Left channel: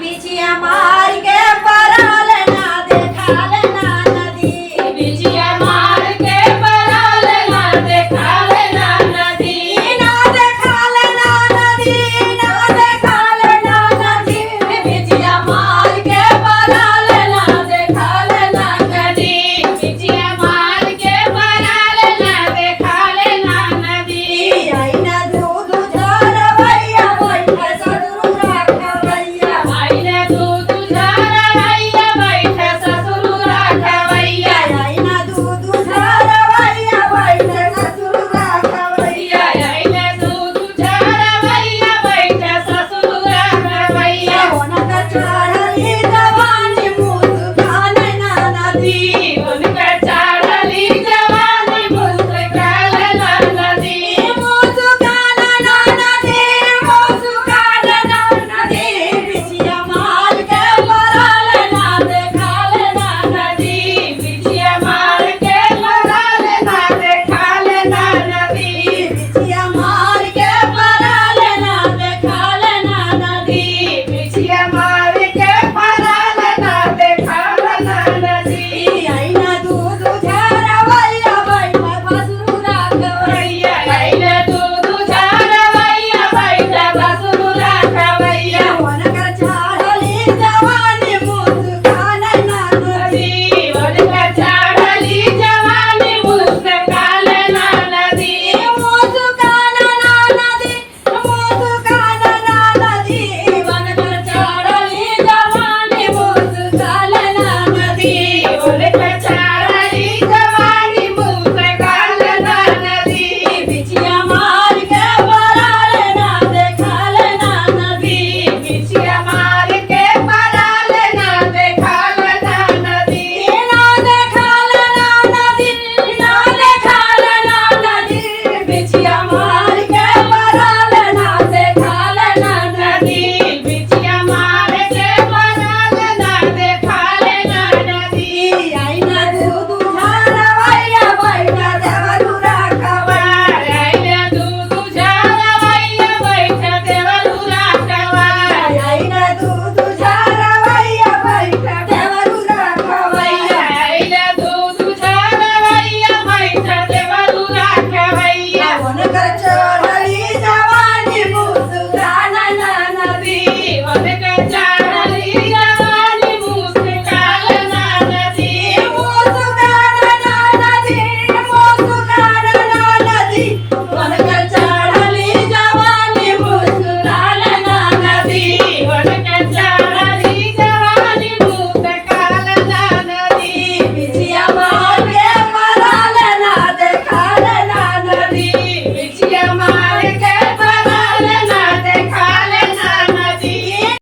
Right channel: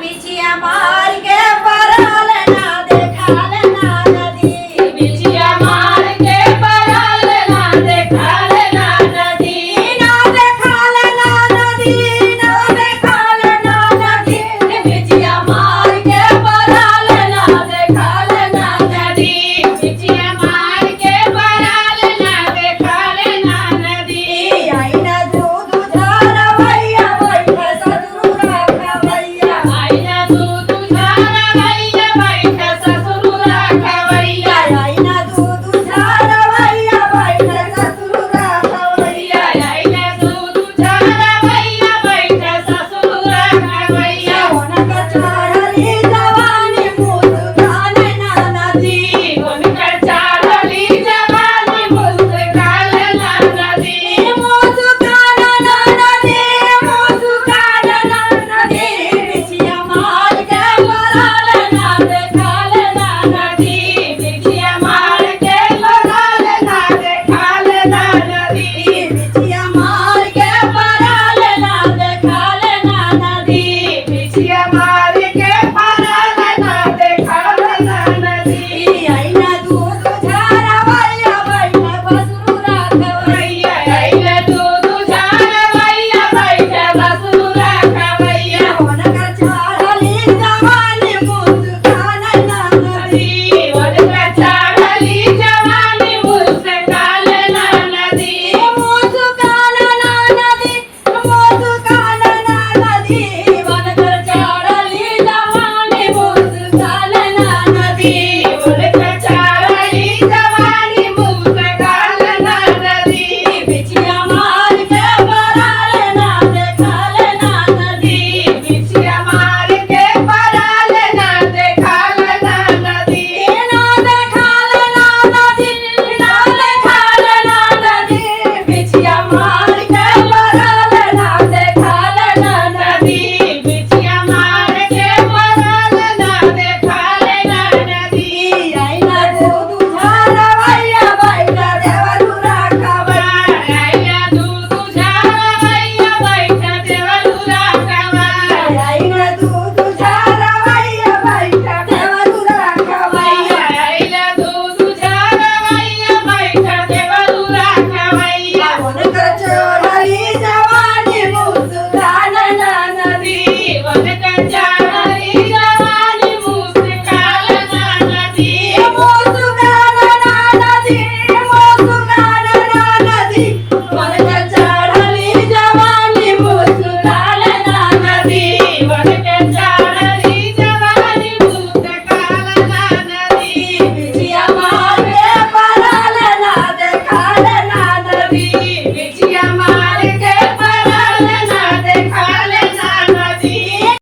बिछिया मार के पराल ना देखाल ना नदी बिछिया मार के पराल ना देखाल ना नदी ना देखाल ना नदी ना देखाल ना नदी बिछिया मार के पराल ना देखाल ना नदी बिछिया मार के पराल ना देखाल ना नदी आई ना दूध झार भैया बैठे ससुर राखवैया आई ना दूध झार भैया बैठे ससुर राखवैया आई ना दूध झार भैया बैठे ससुर राखवैया आई ना दूध झार भैया बैठे ससुर राखवैया होनक चढ़ली जवानी